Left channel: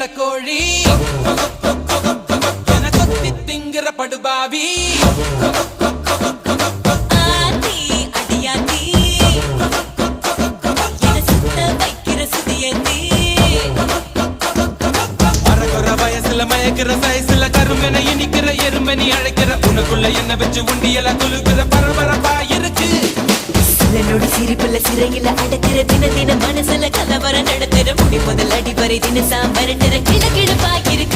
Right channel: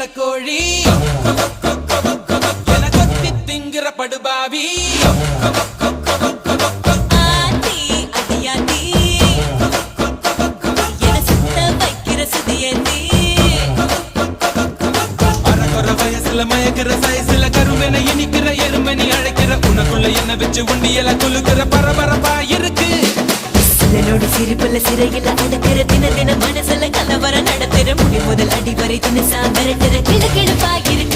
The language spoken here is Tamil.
நடக்கோழி என கொத்தி திங்கிற படுபாவி ஆத்தி அடியாத்தி என சுத்த வைக்கிற சுதியத்தி அரகுற வயசுல மயக்கிற சைஸ்ல கருமென இனிக்கிற எருமனி அழைக்கிற உனக்குள்ள என்ன வச்சு உண்டியல குலுக்கிற பரபரப்பா இருக்கு சிலனோட சிரிப்புல சிறையில அடக்கிற தின தின மனசுல கலவர நடத்துற முடி முதல் அடி வரை தினசா மிரட்டுற கிழக்கிழப்பா இருக்கு